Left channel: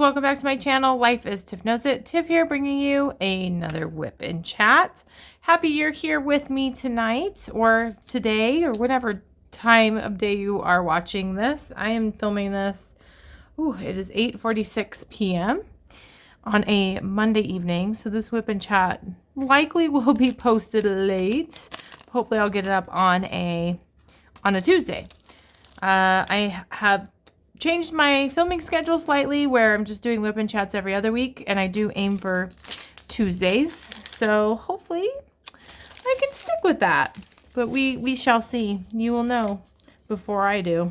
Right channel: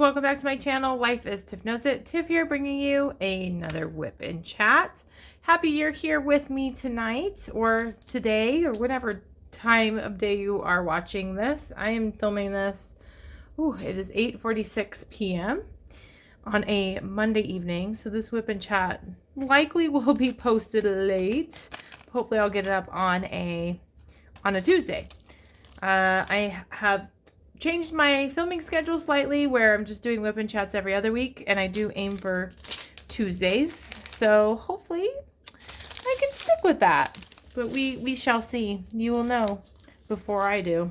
welcome back to my channel. Life is Tiff Knows It. Tiff here bringing you another WIP and chat. Happy you're here with me tonight or today or whatever time of day you are watching this. I am filming this. It is 8:46 p.m. on a Monday evening. So this WIP and chat likely will be posted late. Hopefully I'll get it up on a Tuesday. I have changed my filming schedule slightly where I'm just doing WIP and chats every other week, and I do aim for Tuesdays. So hopefully I can stick with that. But we shall see. You will know before I do.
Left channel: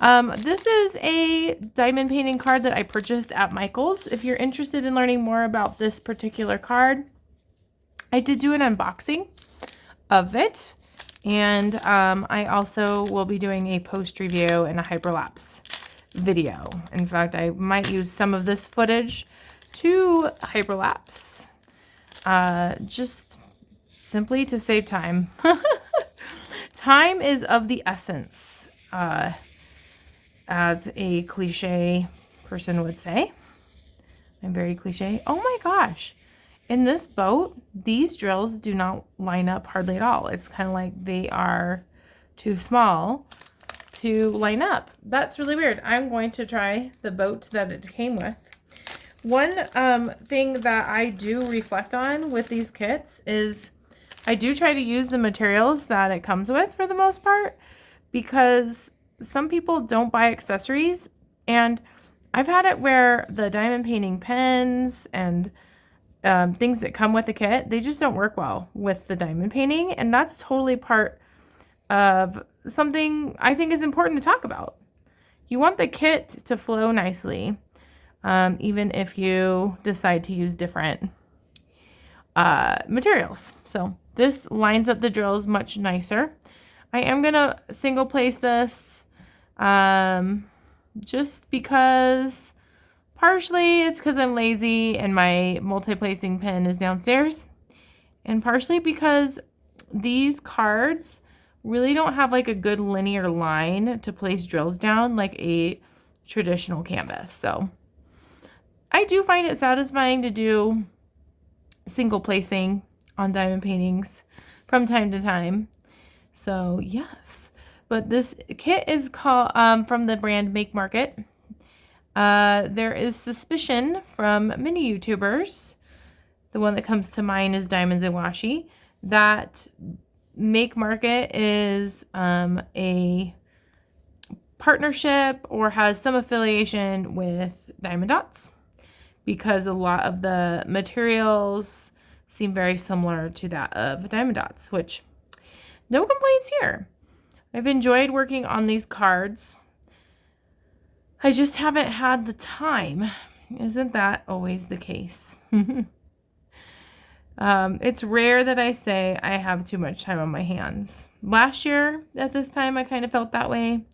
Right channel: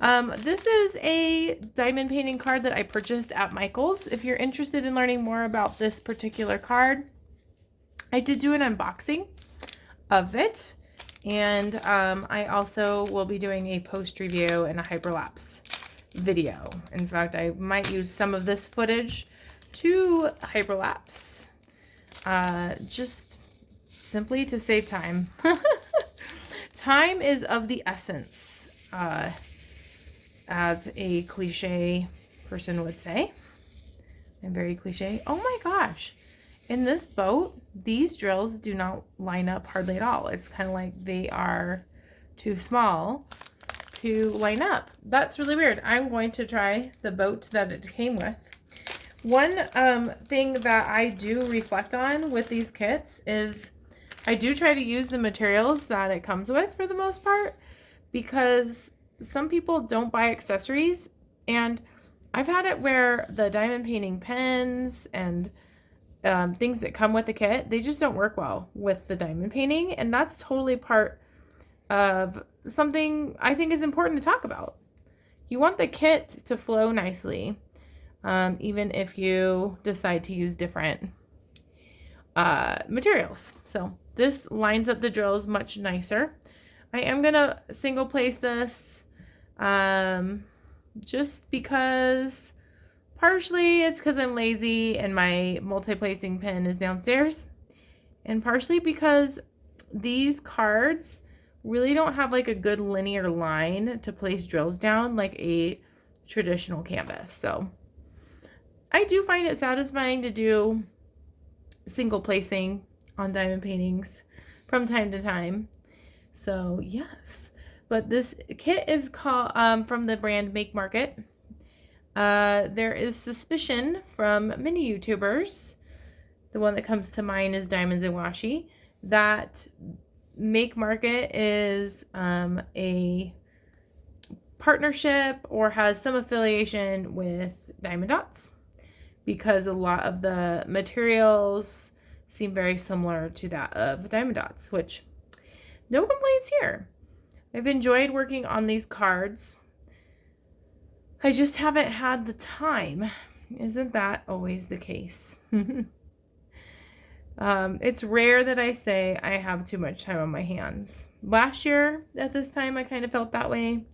This is a diamond painting card that I purchased at Michael's. If you're interested in learning more about this particular card, I did do an unboxing of it. And I also will be doing a post review and a hyperlapse video. In fact, I might use some of this footage to hyperlapse, just simply to save time. Time is of the essence, as a cliche person would say. I'm very cliche. Oh my gosh. In this boat, these drills do not line up hardly at all. It's kind of like they are too small to line up. That's really weird. I'm going to try the boat that it came with. One thing that I do reflect on with these kits is I do try to use the materials that it comes with for the most part, because some people don't buy accessories, and I've had it where the diamond painting pens and things that come with the kit, they just don't work well with the diamond painting, and that's totally part of something I think is important to talk about. You want the kit to flow nicely, even if you decide to use different materials. So this lines up the drills much nicer. I am gonna single place this just because partially it's because I'm lazy and my multi-placing pen is downstairs, and partially because these cards really don't have like a good linear line to place drills down like a traditional canvas. So I do find it satisfying to do single placing on diamond paintings from time to time. So yes, but this kit is called from the brand Make Market. There is suspicion from many YouTubers, the one that comes to mind is Diamonds and Washi, that Make Market is a partnership or has some affiliation with Diamond Dots, because a lot of the materials seem very similar to that of Diamond Dots, which no complaints here. I've enjoyed working on these cards. I just haven't had the time. Isn't that always the case? It's rare that I say I have too much time on my hands. Last year, at this time, I kind of felt that way.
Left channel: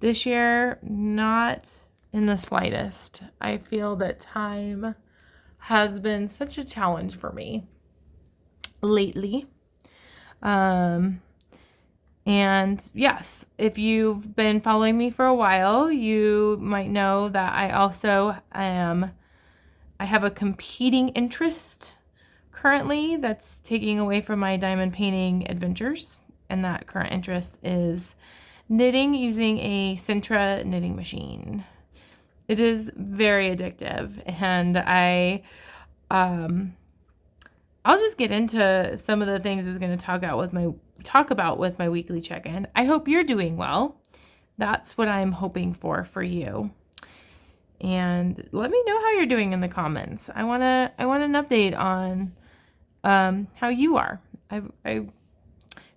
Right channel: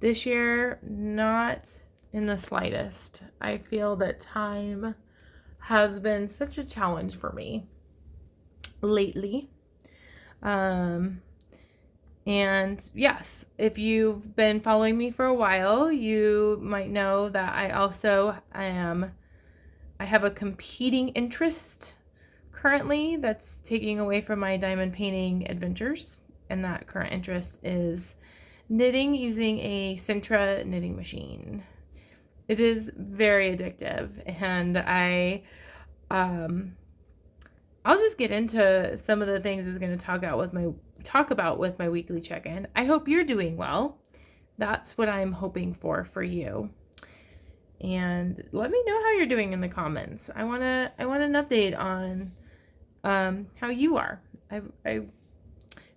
This year, not in the slightest. I feel that time has been such a challenge for me lately. And yes, if you've been following me for a while, you might know that I also I have a competing interest currently that's taking away from my diamond painting adventures. And that current interest is knitting using a Sintra knitting machine. It is very addictive, and I'll just get into some of the things I was going to talk about with my weekly check-in. I hope you're doing well. That's what I'm hoping for you. And let me know how you're doing in the comments. I want an update on how you are. I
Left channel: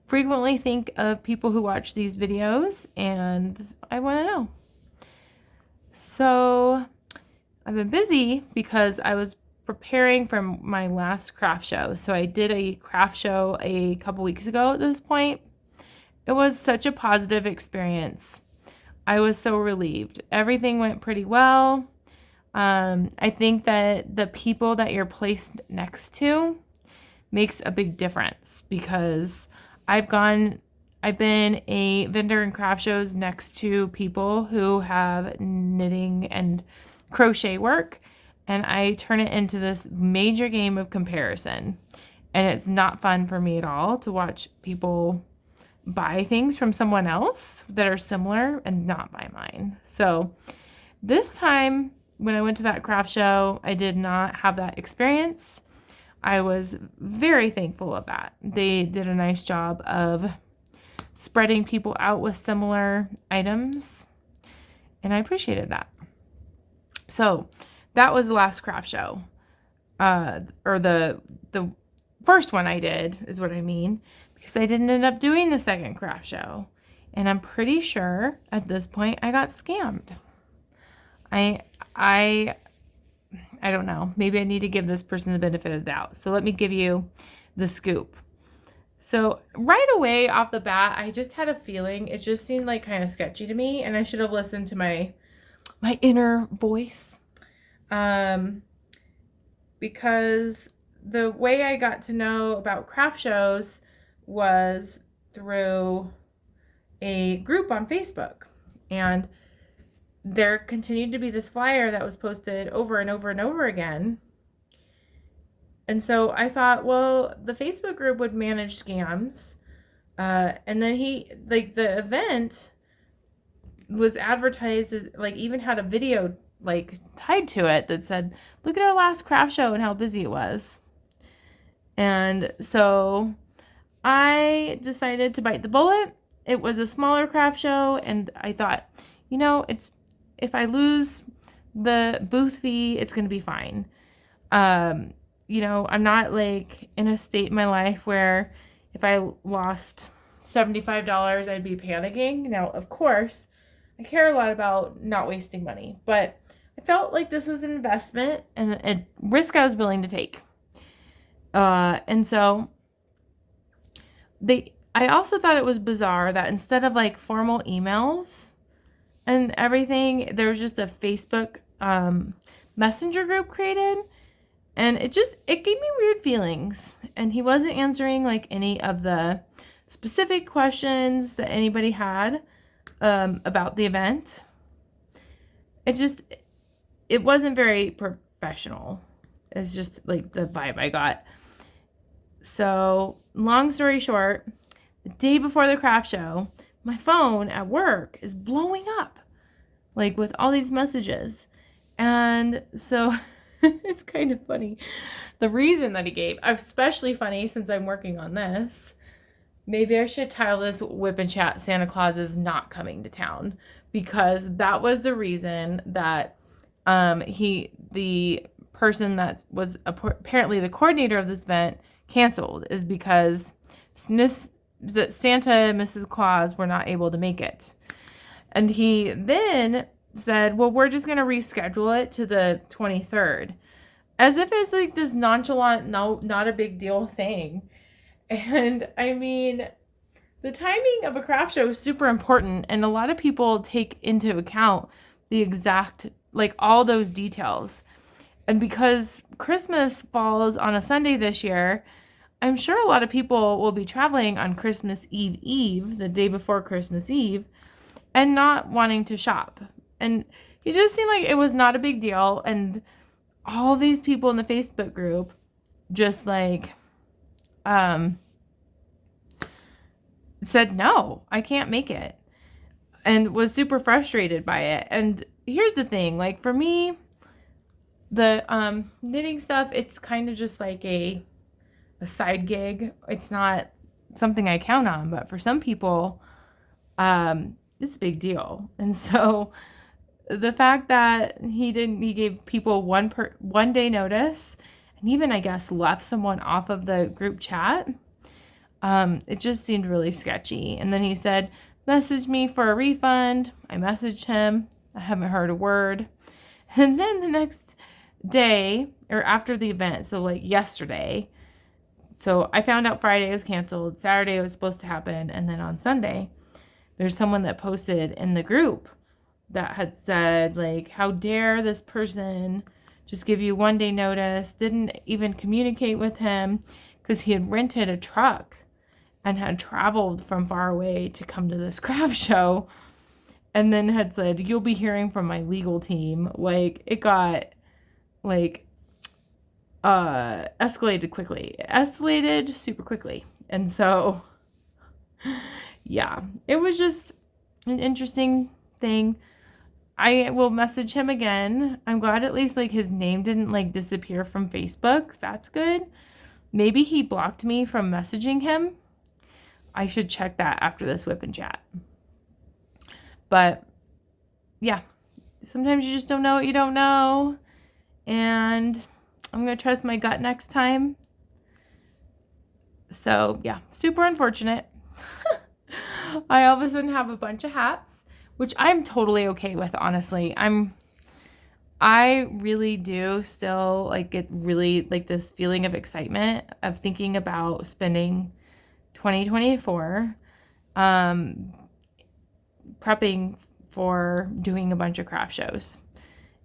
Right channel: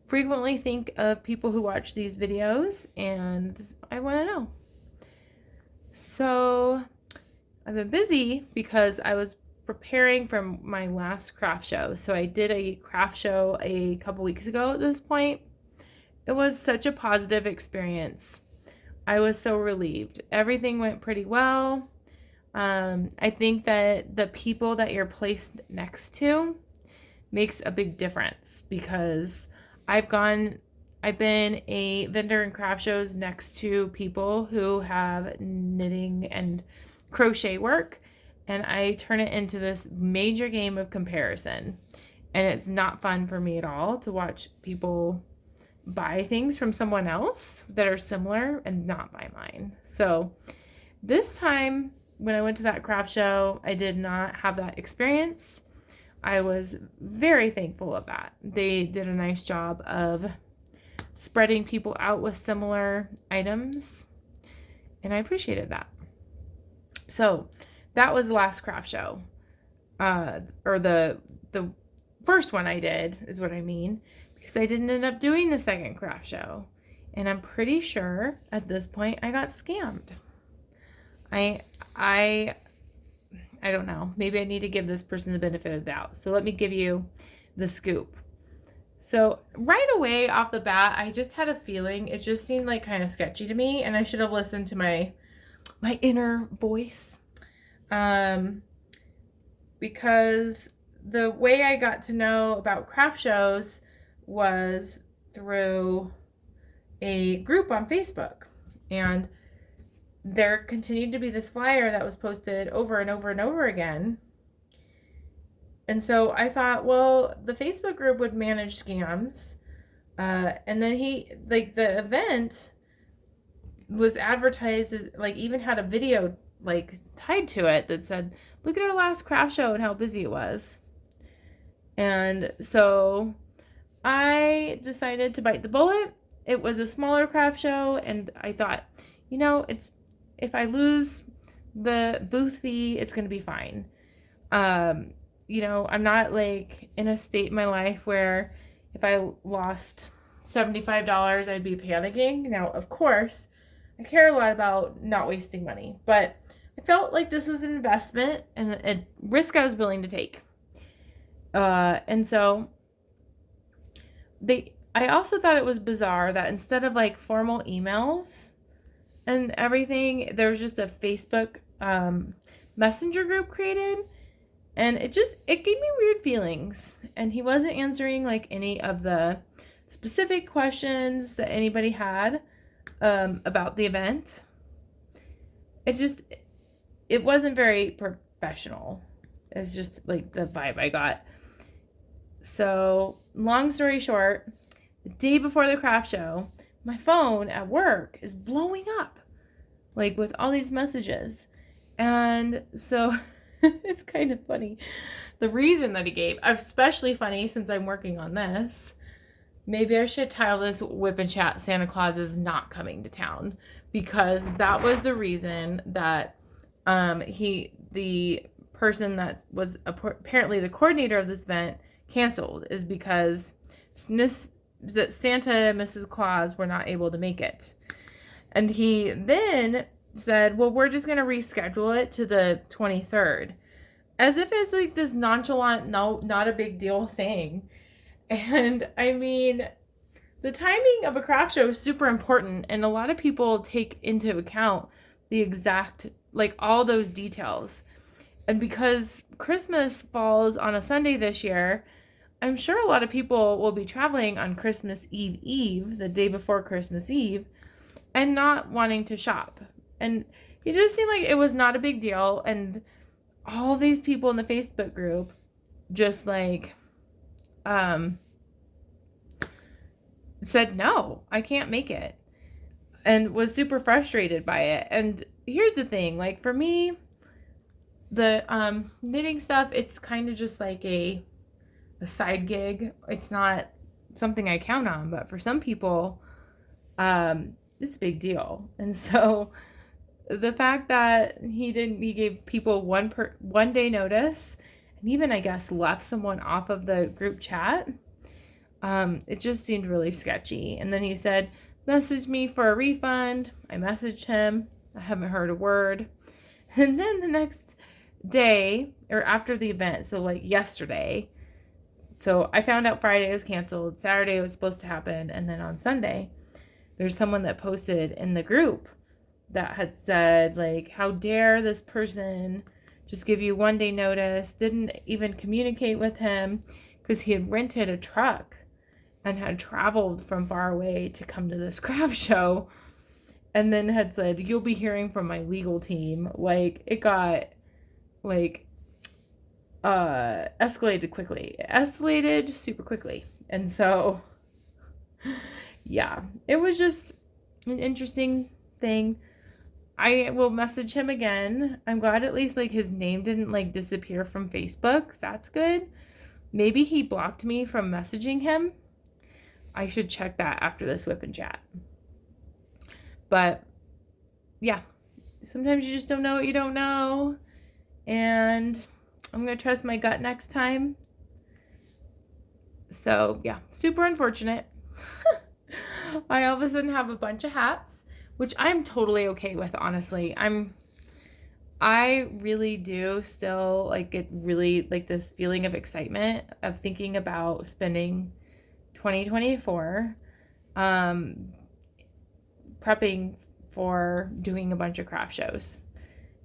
frequently think of people who watch these videos, and I want to know. So I've been busy because I was preparing for my last craft show. So I did a craft show a couple weeks ago at this point. It was such a positive experience. I was so relieved. Everything went pretty well. I think that the people that you're placed next to makes a big difference, because I've I've been a vendor in craft shows next to people who have knitting and crochet work, and I turn it into this major game of comparison. And it's not fun for me at all to watch people buy things from someone else that are similar and not buy mine. So this time when I went to that craft show, I did not have that experience. I was very thankful of that. They did a nice job of spreading people out with similar items, and I appreciated that. So that was the last craft show, or the first one I did is what I mean, because I didn't end up doing the second craft show, and I'm pretty sure at this point I got scammed. I don't know. Maybe I need to give this person the benefit of the doubt. So let me give you the scoop. So right away off the bat, I just had a feeling. It just seemed like kind of sketchy to me, and I should have listened to my inner voice. Because the way I got to know about craft shows was through a group on Facebook. And there continued to be this flyer that was posted over and over and over again. And so I thought, well, the Facebook group would manage scams. And then the event was advertised as, even had a video, tied to it that said, look at our last craft show and how busy it was. And so I decided to bite the bullet. It was a smaller craft show, and I thought, if I lose the booth fee, it's going to be fine. I'm not in a state in my life where if I lost $75, I'd be panicking. Now, of course, I care a lot about not wasting money, but I felt like this was an investment and a risk I was willing to take. And so I also thought it was bizarre that instead of formal emails and everything, there was just a Facebook messenger group created, and it gave me weird feelings. And he wasn't answering any of the specific questions that anybody had about the event. It wasn't very professional. It's just the vibe I got. So long story short, the day before the craft show, my phone at work is blowing up, with all these messages. And so it's kind of funny. The reason that he gave, especially funny since I'm working on this, maybe I should title this WIP and Chat Santa Claus is not coming to town, because that was the reason that the person that was apparently the coordinator of this event canceled, is because that Santa and Mrs. Claus were not able to make it. And he then said, well, we're just going to reschedule it to the 23rd. As if it's this nonchalant, no, not a big deal thing. And I mean, the timing of a craft show is super important, and a lot of people take into account the exact, all those details. And because Christmas falls on a Sunday this year, I'm sure a lot of people will be traveling on Christmas Eve, the day before Christmas Eve, and not wanting to shop. And it just seemed like it was not a big deal. And all these people in the Facebook group just said, no, I can't make it, and was super frustrated by it. And here's the thing, for me, the knitting stuff, it's kind of just a side gig. It's not something I count on, but for some people, it's a big deal. And so the fact that he gave people one day notice, and even, I guess, left someone off of the group chat, it just seemed really sketchy. And then he said, message me for a refund. I messaged him. I haven't heard a word. And then the next day, or after the event, so yesterday, so I found out Friday was canceled, Saturday was supposed to happen, and then on Sunday, there's someone that posted in the group that had said, how dare this person just give you one day notice, didn't even communicate with him, because he had rented a truck and had traveled from far away to come to this craft show, and then had said, "You'll be hearing from my legal team." Like, it got, like, escalated quickly. It escalated super quickly. And so, yeah, it was just an interesting thing. I will message him again. I'm glad at least, like, his name didn't, like, disappear from Facebook. That's good. Maybe he blocked me from messaging him. I should check that after this WIP and chat. But, yeah, sometimes you just don't know what you don't know. And I'm going to trust my gut next time. So, yeah, super unfortunate. I all of a sudden have a bunch of hats, which I'm totally okay with, honestly. I really do still, like, get really, like, this feeling of excitement of thinking about spending 2024 prepping for doing a bunch of craft shows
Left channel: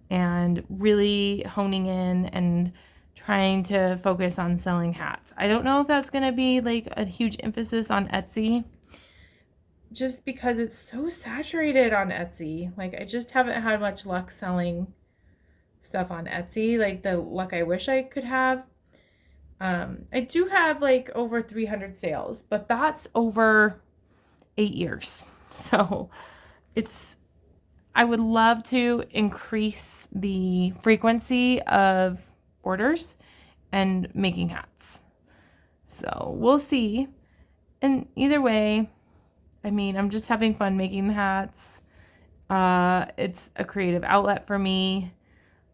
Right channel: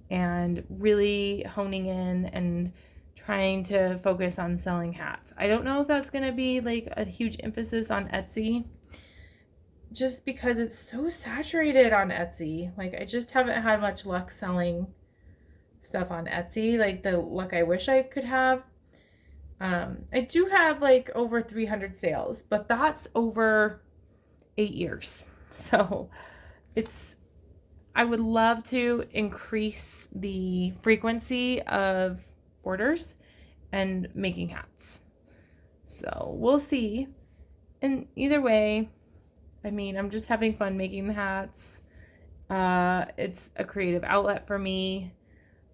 and really honing in and trying to focus on selling hats. I don't know if that's going to be, like, a huge emphasis on Etsy, just because it's so saturated on Etsy. Like, I just haven't had much luck selling stuff on Etsy, like the luck I wish I could have. I do have, like, over 300 sales, but that's over 8 years. So I would love to increase the frequency of orders and making hats. So we'll see. And either way, I mean, I'm just having fun making the hats. It's a creative outlet for me.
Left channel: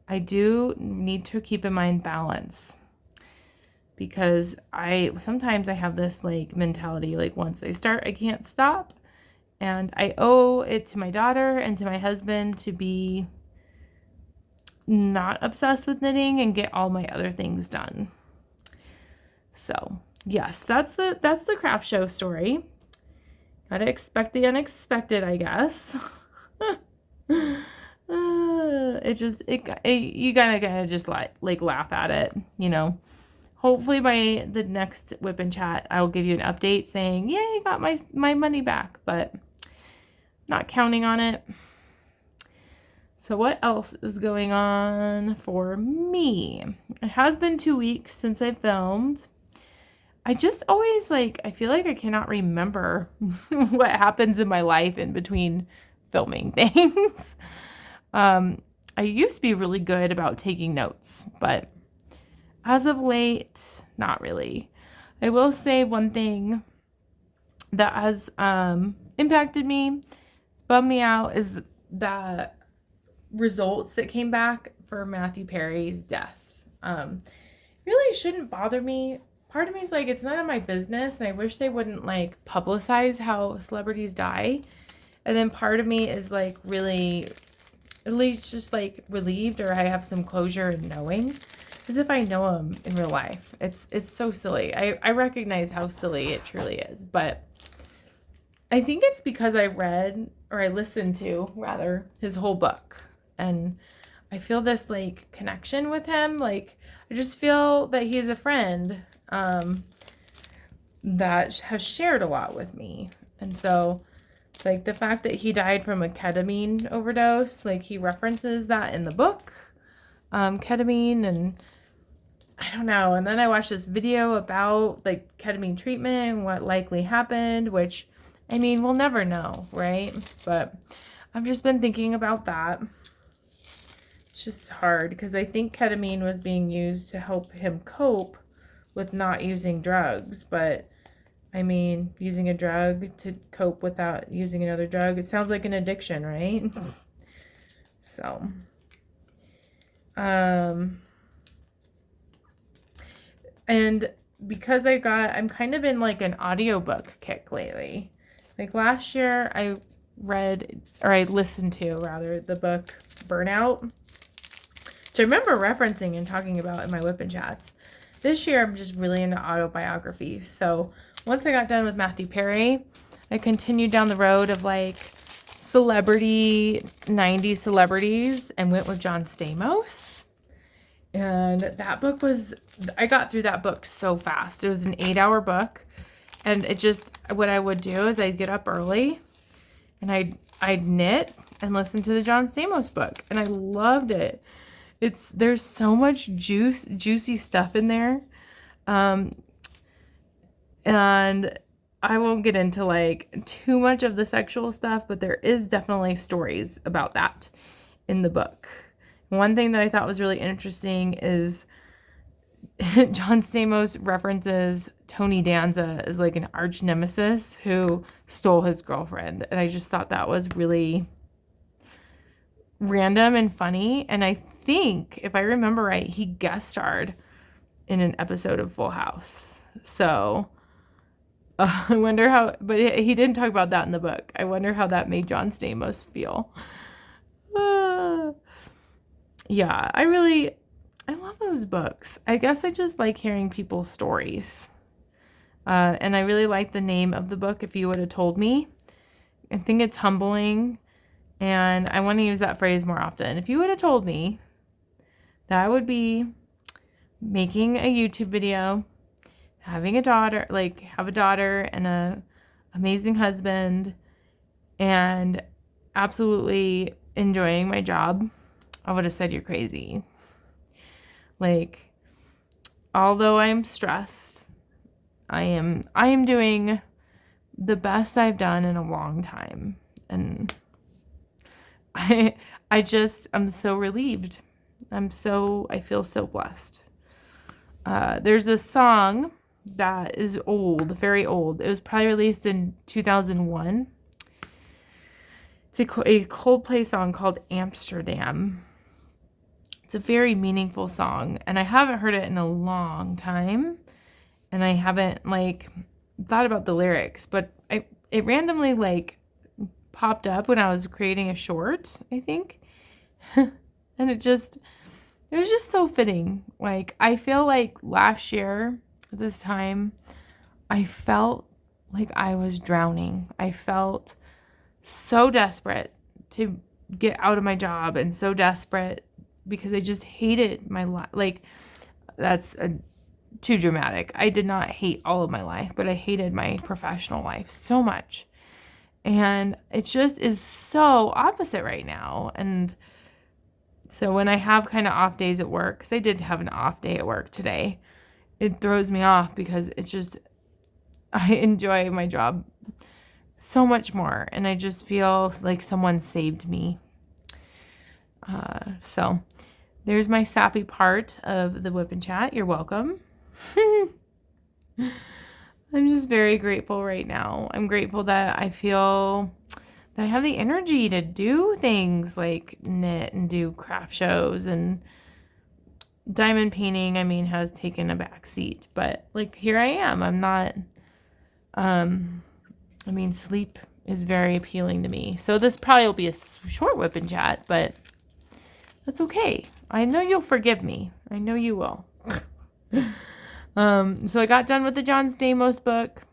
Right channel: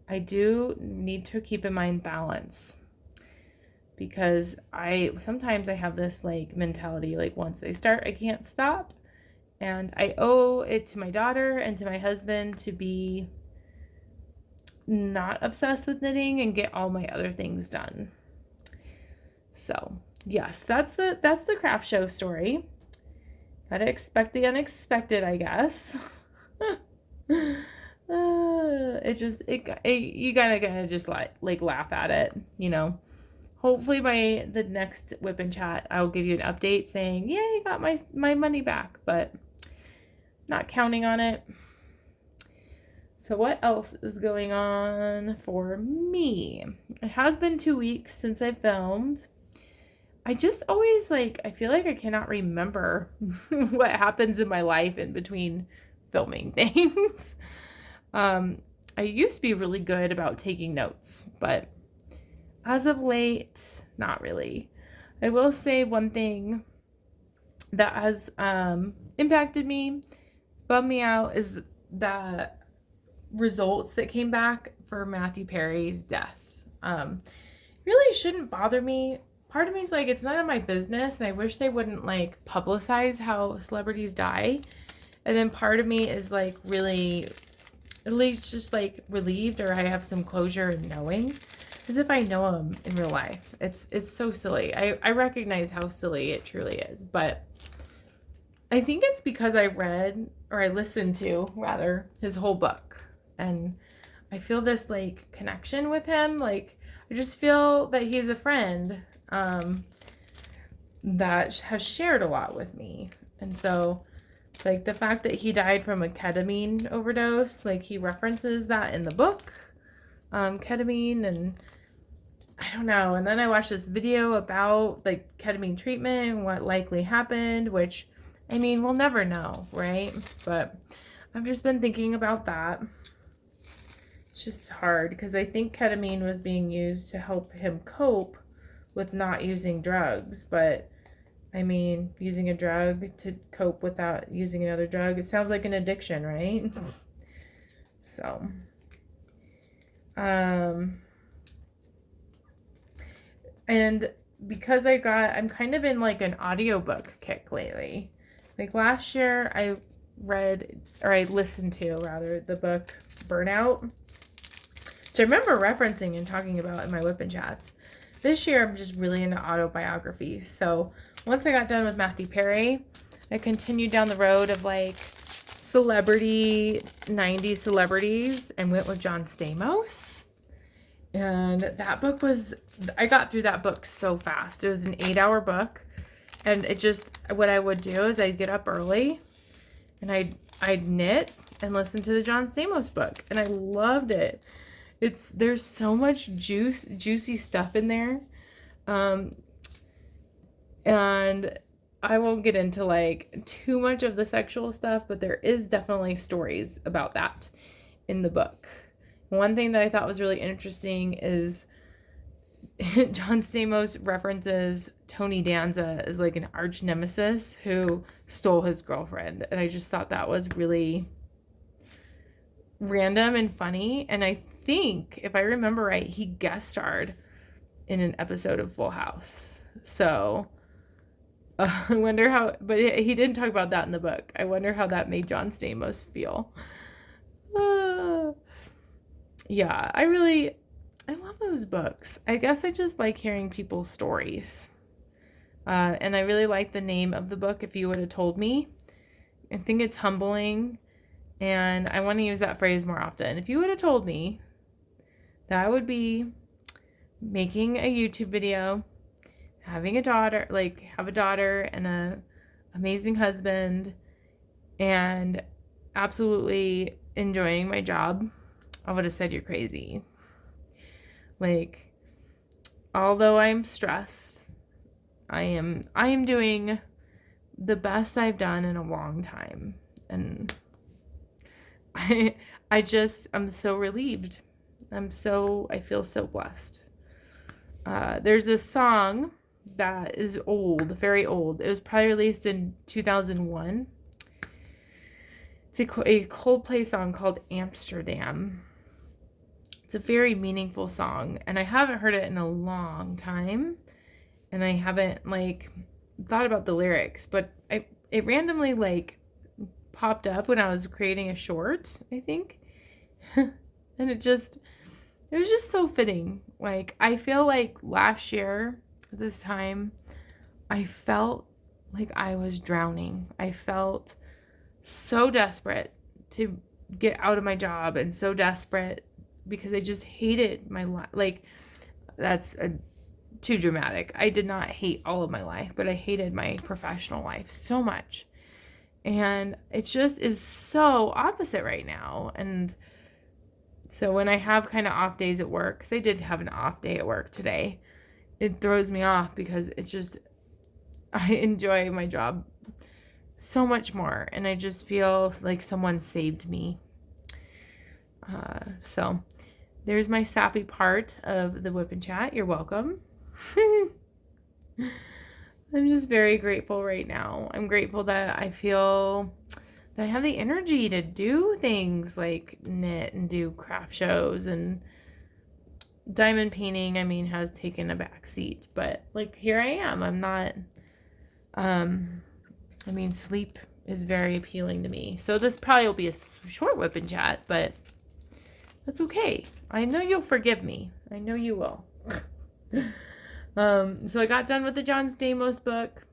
I do need to keep in mind balance, because sometimes I have this, like, mentality, like, once I start, I can't stop. And I owe it to my daughter and to my husband to be not obsessed with knitting and get all my other things done. So, yes, that's the craft show story. Gotta expect the unexpected, I guess. You gotta just like laugh at it, you know. Hopefully by the next WIP and chat, I'll give you an update saying, "Yay, I got my money back," but not counting on it. So what else is going on for me? It has been 2 weeks since I filmed. I just always, like, I feel like I cannot remember what happens in my life in between filming things. I used to be really good about taking notes, but as of late, not really. I will say one thing that has impacted me, bummed me out, is the results that came back for Matthew Perry's death. Really shouldn't bother me. Part of me is like, it's none of my business, and I wish they wouldn't, like, publicize how celebrities die. And then part of me is, like, really, at least just, like, relieved, or I have some closure in knowing, as if I know him in real life. It's so silly. I recognize how silly it truly is, but I think it's because I listened to, rather, his whole book, and I feel this, like, connection with him. Like, I just feel that he's a friend that has shared a lot with me. And so, like, the fact that he died from a ketamine overdose, like, he references that in the book, ketamine, and I don't know. And then I watched this video about, like, ketamine treatment and what likely happened, which, I mean, we'll never know, right? But I've just been thinking about that. It's just hard, because I think ketamine was being used to help him cope with not using drugs, but I mean, using a drug to cope without using another drug, it sounds like an addiction, right? So, and because I'm kind of in, like, an audiobook kick lately. Like, last year I listened to, rather, the book Burnout, which I remember referencing and talking about in my WIP and chats. This year I'm just really into autobiographies. So once I got done with Matthew Perry, I continued down the road of, like, 90s celebrities, and went with John Stamos. And that book I got through that book so fast. It was an 8-hour book, And it just, what I would do is I'd get up early and I'd knit and listen to the John Stamos book. And I loved it. There's so much juicy stuff in there. And I won't get into like too much of the sexual stuff, but there is definitely stories about that in the book. One thing that I thought was really interesting is John Stamos references Tony Danza as like an arch nemesis who stole his girlfriend. And I just thought that was really random and funny. And I think, if I remember right, he guest starred in an episode of Full House. So I wonder how, but he didn't talk about that in the book. I wonder how that made John Stamos feel. Yeah, I love those books. I guess I just like hearing people's stories. And I really like the name of the book, If You Would Have Told Me. I think it's humbling. And I want to use that phrase more often. If you would have told me that I would be making a YouTube video, having a daughter, like have a daughter and a amazing husband, and absolutely enjoying my job, I would have said you're crazy. Like, although I'm stressed, I am doing the best I've done in a long time. And I'm so relieved. I feel so blessed. There's this song that is old, very old. It was probably released in 2001. It's a Coldplay song called Amsterdam. It's a very meaningful song, and I haven't heard it in a long time, and I haven't like thought about the lyrics, but it randomly like popped up when I was creating a short, I think. And it was just so fitting. Like, I feel like last year at this time, I felt like I was drowning. I felt so desperate to get out of my job, and so desperate because I just hated my life. Like, that's too dramatic. I did not hate all of my life, but I hated my professional life so much. And it just is so opposite right now. And so when I have kind of off days at work, because I did have an off day at work today, it throws me off because it's just, I enjoy my job so much more. And I just feel like someone saved me. So there's my sappy part of the WIP and Chat. You're welcome. I'm just very grateful right now. I'm grateful that I feel that I have the energy to do things like knit and do craft shows, and diamond painting, I mean, has taken a back seat, but like, here I am. I'm not, sleep is very appealing to me. So this probably will be a short WIP and Chat, but that's okay. I know you'll forgive me. I know you will. So I got done with the John Stamos book.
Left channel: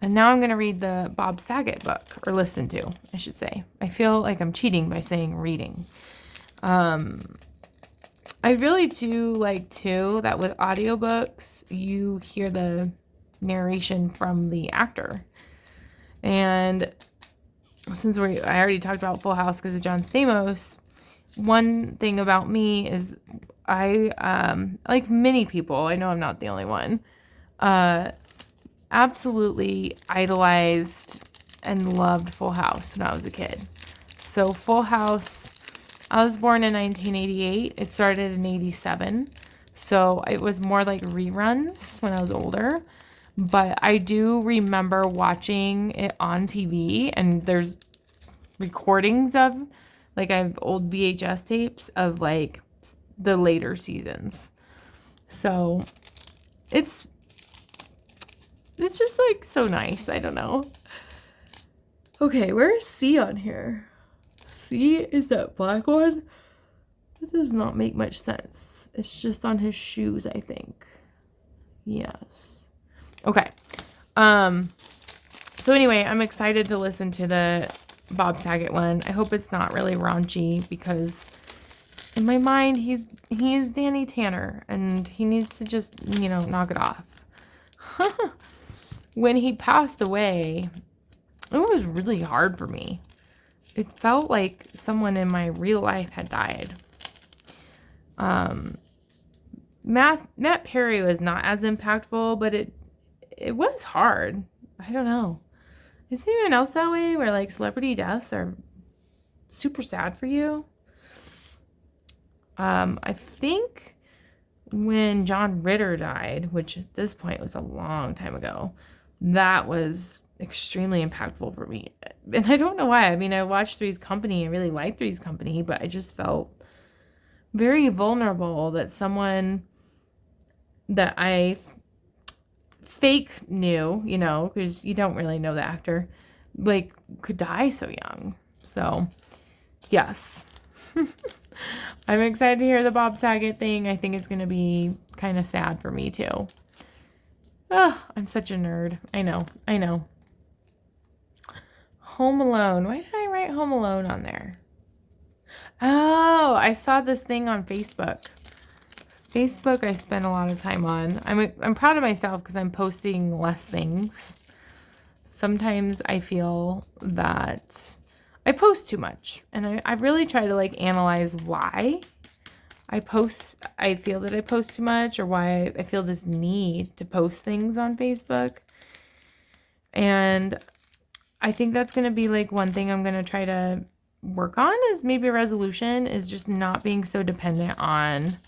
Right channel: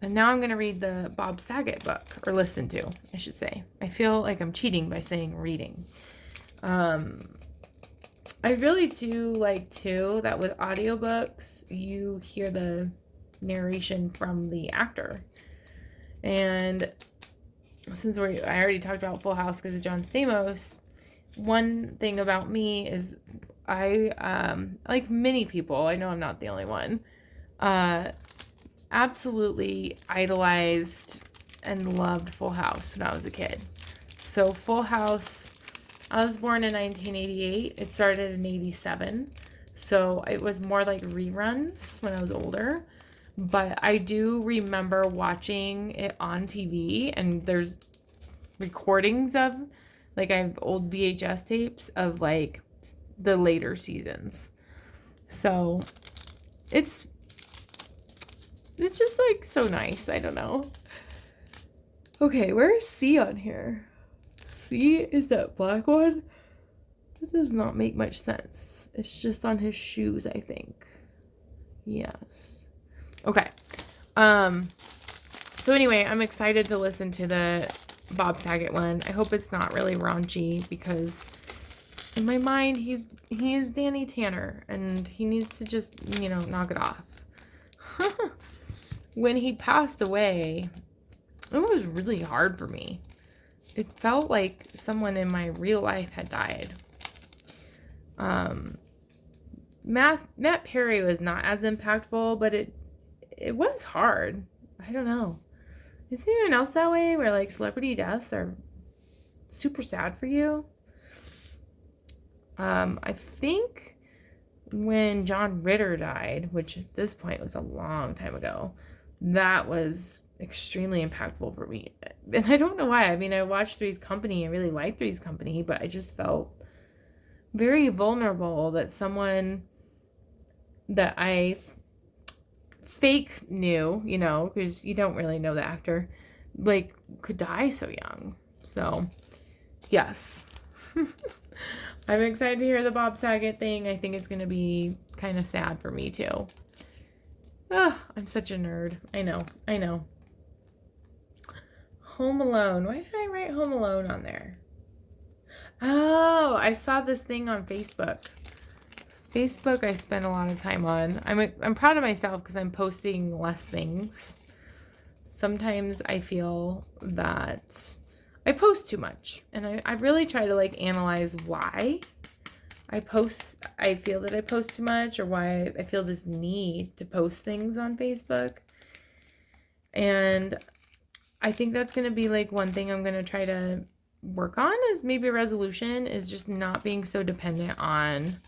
And now I'm going to read the Bob Saget book, or listen to, I should say. I feel like I'm cheating by saying reading. I really do like, too, that with audiobooks, you hear the narration from the actor. And since I already talked about Full House because of John Stamos, one thing about me is I, like many people, I know I'm not the only one, absolutely idolized and loved Full House when I was a kid. So Full House, I was born in 1988. It started in 87. So it was more like reruns when I was older. But I do remember watching it on TV, and there's recordings of, like, I have old VHS tapes of like the later seasons. So it's just like so nice. I don't know. Okay, where is C on here? C is that black one? It does not make much sense. It's just on his shoes, I think. Yes. Okay. So anyway, I'm excited to listen to the Bob Saget one. I hope it's not really raunchy, because in my mind, he's Danny Tanner, and he needs to just, knock it off. when he passed away, it was really hard for me. It felt like someone in my real life had died. Matt Perry was not as impactful, but it was hard. I don't know. Is anyone else that way, where like celebrity deaths are super sad for you? I think when John Ritter died, which at this point was a long time ago, that was extremely impactful for me. And I don't know why. I mean, I watched Three's Company. I really liked Three's Company, but I just felt very vulnerable that someone that I fake knew, you know, because you don't really know the actor, like, could die so young. So, yes. I'm excited to hear the Bob Saget thing. I think it's going to be kind of sad for me, too. Oh, I'm such a nerd. I know. Home Alone. Why did I write Home Alone on there? Oh, I saw this thing on Facebook. Facebook I spend a lot of time on. I'm proud of myself because I'm posting less things. Sometimes I feel that I post too much. And I really try to like analyze why I feel that I post too much, or why I feel this need to post things on Facebook. And I think that's going to be like one thing I'm going to try to work on, is maybe a resolution, is just not being so dependent on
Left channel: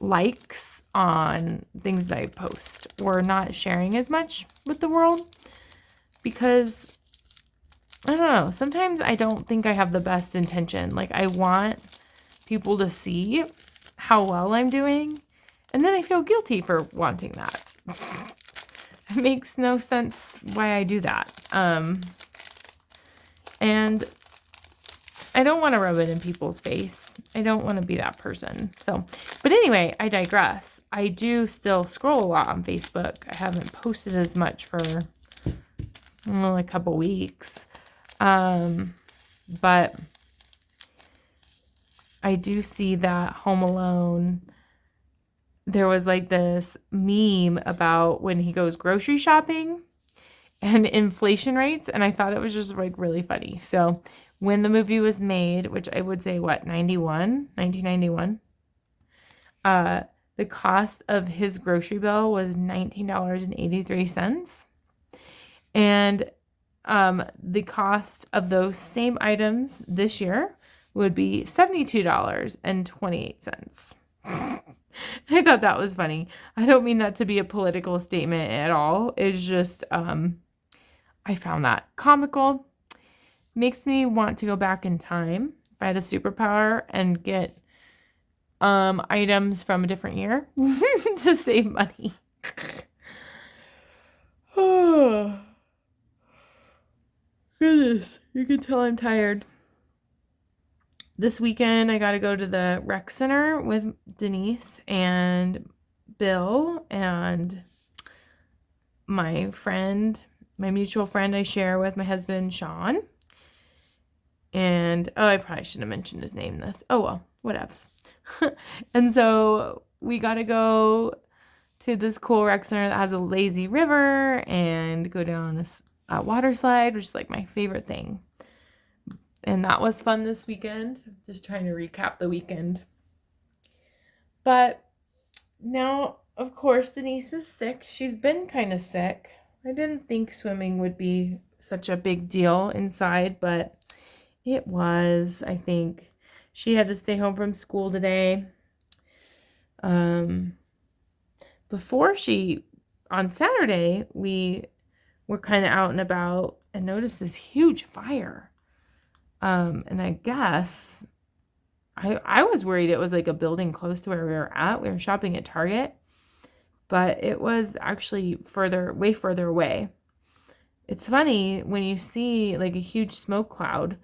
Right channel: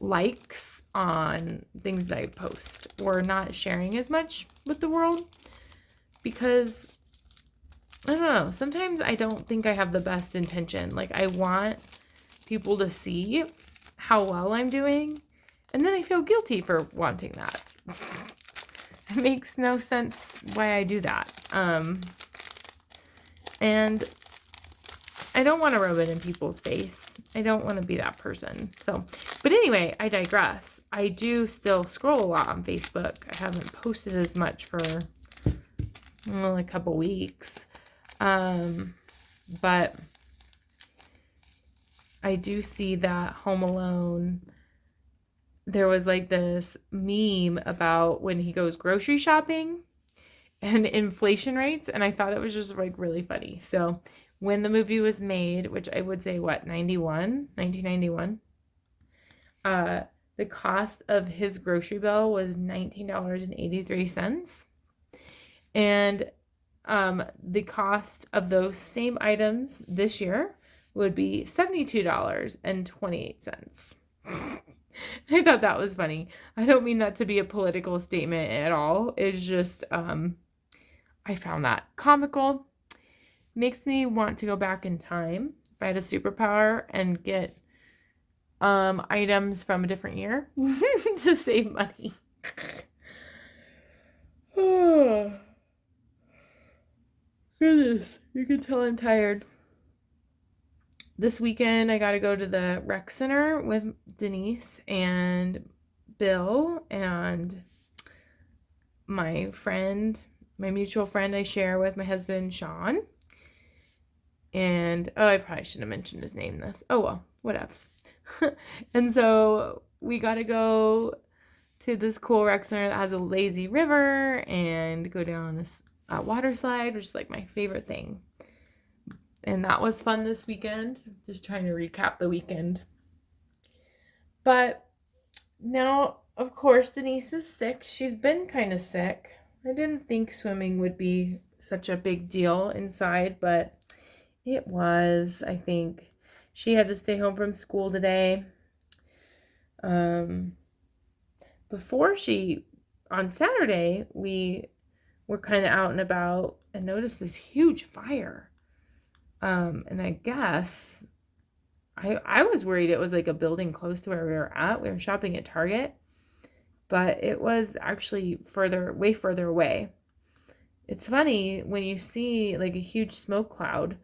likes on things that I post, or not sharing as much with the world, because I don't know, sometimes I don't think I have the best intention. Like, I want people to see how well I'm doing, and then I feel guilty for wanting that. It makes no sense why I do that. And I don't want to rub it in people's face. I don't want to be that person. So, but anyway, I digress. I do still scroll a lot on Facebook. I haven't posted as much for a couple weeks. But I do see that Home Alone, there was like this meme about when he goes grocery shopping and inflation rates, and I thought it was just like really funny. So when the movie was made, which I would say 1991, the cost of his grocery bill was $19.83, and the cost of those same items this year would be $72.28. I thought that was funny. I don't mean that to be a political statement at all. It's just, I found that comical. Makes me want to go back in time, if I had a superpower, and get items from a different year to save money. Oh, goodness. You can tell I'm tired. This weekend, I got to go to the rec center with Denise and Bill and my friend, my mutual friend I share with my husband, Sean. And, I probably shouldn't have mentioned his name this. Oh, well, whatevs. And so we got to go to this cool rec center that has a lazy river and go down a water slide, which is like my favorite thing. And that was fun this weekend. Just trying to recap the weekend. But now, of course, Denise is sick. She's been kind of sick. I didn't think swimming would be such a big deal inside, but it was. I think she had to stay home from school today. Before on Saturday, we were kind of out and about and noticed this huge fire. And I guess I was worried it was like a building close to where we were at. We were shopping at Target, but it was actually way further away. It's funny when you see like a huge smoke cloud,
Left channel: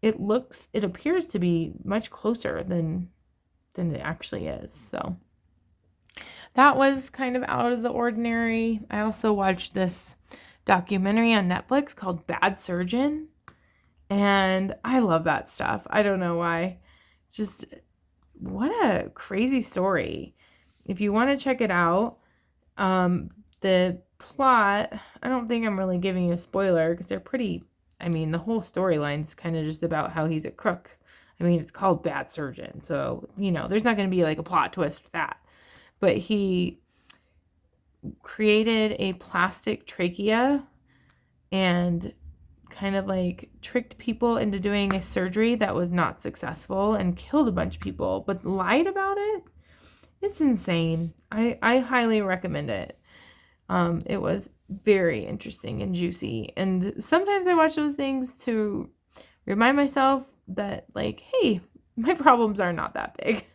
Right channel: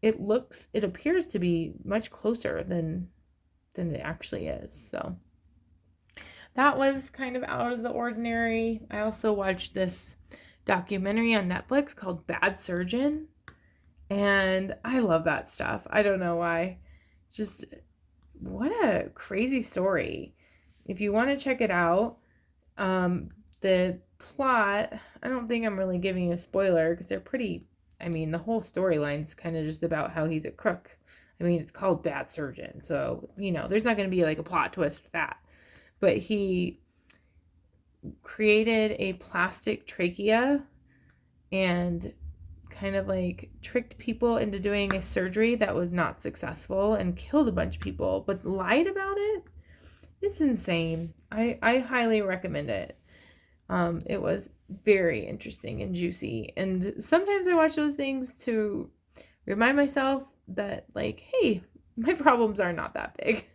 it appears to be much closer than it actually is. So that was kind of out of the ordinary. I also watched this documentary on Netflix called Bad Surgeon. And I love that stuff. I don't know why. Just what a crazy story. If you want to check it out, the plot, I don't think I'm really giving you a spoiler because they're pretty, I mean, the whole storyline's kind of just about how he's a crook. I mean, it's called Bad Surgeon, so, you know, there's not going to be like a plot twist with that. But he created a plastic trachea and kind of like tricked people into doing a surgery that was not successful and killed a bunch of people, but lied about it. It's insane. I highly recommend it. It was very interesting and juicy. And sometimes I watch those things to remind myself that, like, hey, my problems are not that big.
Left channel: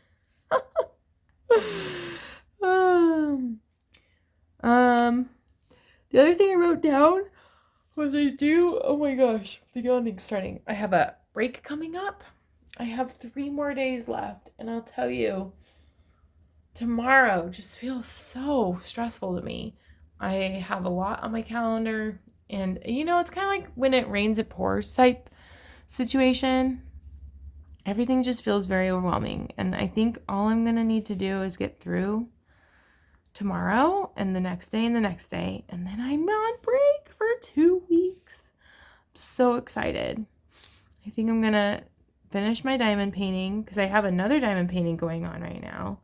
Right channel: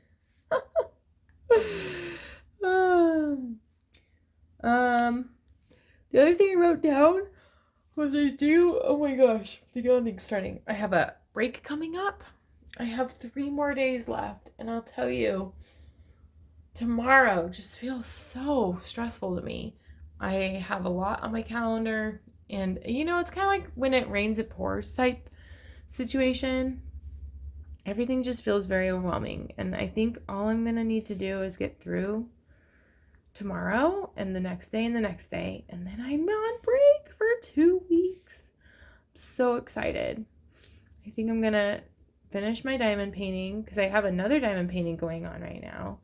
The other thing I wrote down was oh my gosh, the yawning starting. I have a break coming up. I have 3 more days left, and I'll tell you, tomorrow just feels so stressful to me. I have a lot on my calendar, and you know, it's kind of like when it rains it pours type situation. Everything just feels very overwhelming, and I think all I'm gonna need to do is get through tomorrow and the next day and the next day, and then I'm on break for 2 weeks. I'm so excited. I think I'm gonna finish my diamond painting because I have another diamond painting going on right now.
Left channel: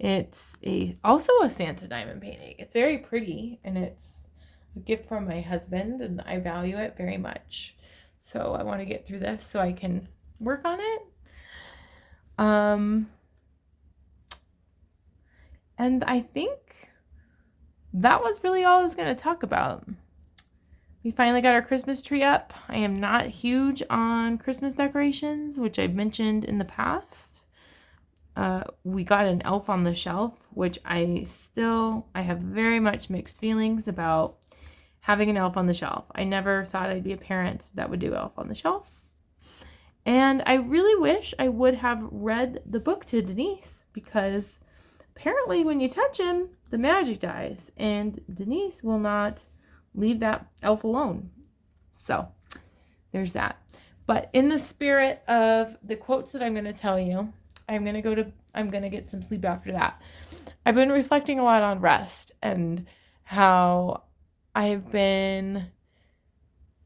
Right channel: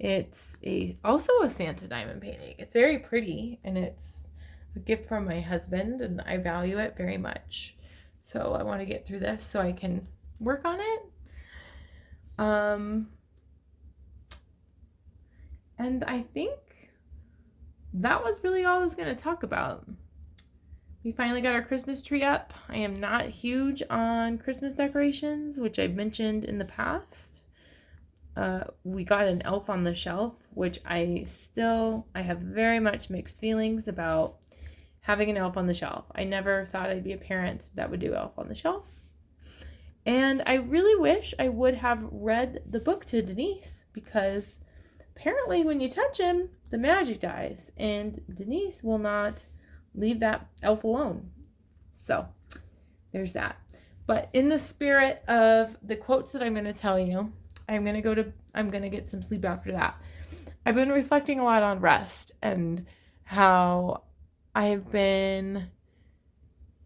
It's also a Santa diamond painting. It's very pretty, and it's a gift from my husband, and I value it very much. So I want to get through this so I can work on it. And I think that was really all I was going to talk about. We finally got our Christmas tree up. I am not huge on Christmas decorations, which I've mentioned in the past. We got an elf on the shelf, which I have very much mixed feelings about having an elf on the shelf. I never thought I'd be a parent that would do elf on the shelf. And I really wish I would have read the book to Denise, because apparently when you touch him, the magic dies, and Denise will not leave that elf alone. So there's that. But in the spirit of the quotes that I'm going to tell you, I'm going to get some sleep after that. I've been reflecting a lot on rest and how I've been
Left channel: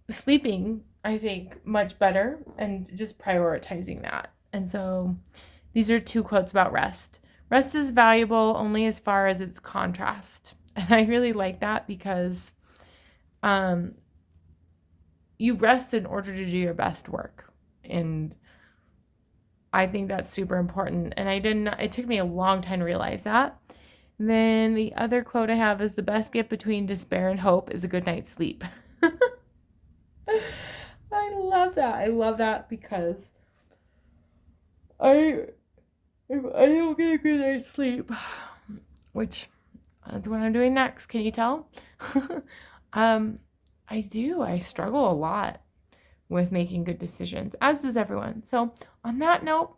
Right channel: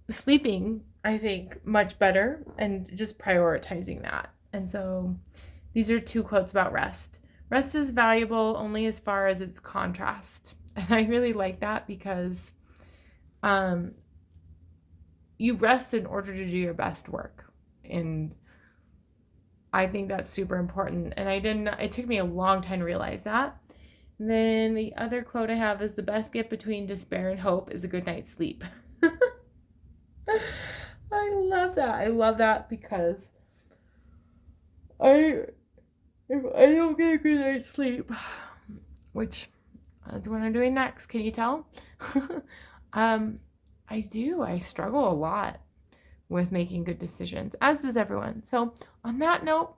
sleeping, I think, much better, and just prioritizing that. And so these are 2 quotes about rest. Rest is valuable only as far as its contrast. And I really like that because you rest in order to do your best work. And I think that's super important. And it took me a long time to realize that. And then the other quote I have is, the best gift between despair and hope is a good night's sleep. I love that. I love that because if I don't get a good night's sleep, which that's what I'm doing next, can you tell? I struggle a lot with making good decisions, as does everyone. So on that note,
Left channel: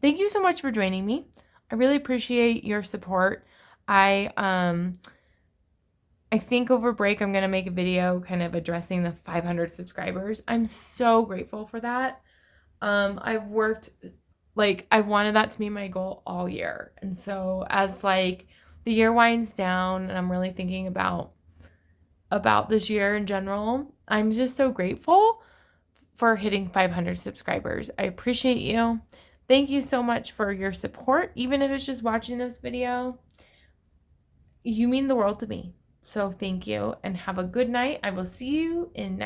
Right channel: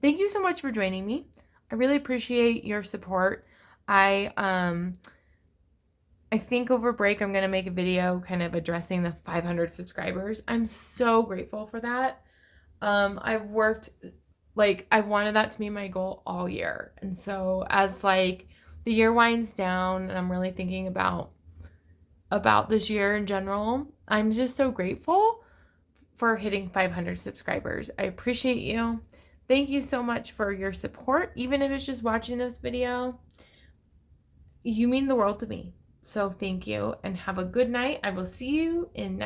thank you so much for joining me. I really appreciate your support. I think over break I'm going to make a video kind of addressing the 500 subscribers. I'm so grateful for that. I've wanted that to be my goal all year. And so as like the year winds down and I'm really thinking about this year in general, I'm just so grateful for hitting 500 subscribers. I appreciate you. Thank you so much for your support. Even if it's just watching this video, you mean the world to me. So thank you, and have a good night. I will see you in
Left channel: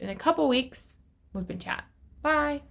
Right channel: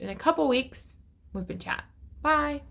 a couple weeks with WIP Chat. Bye.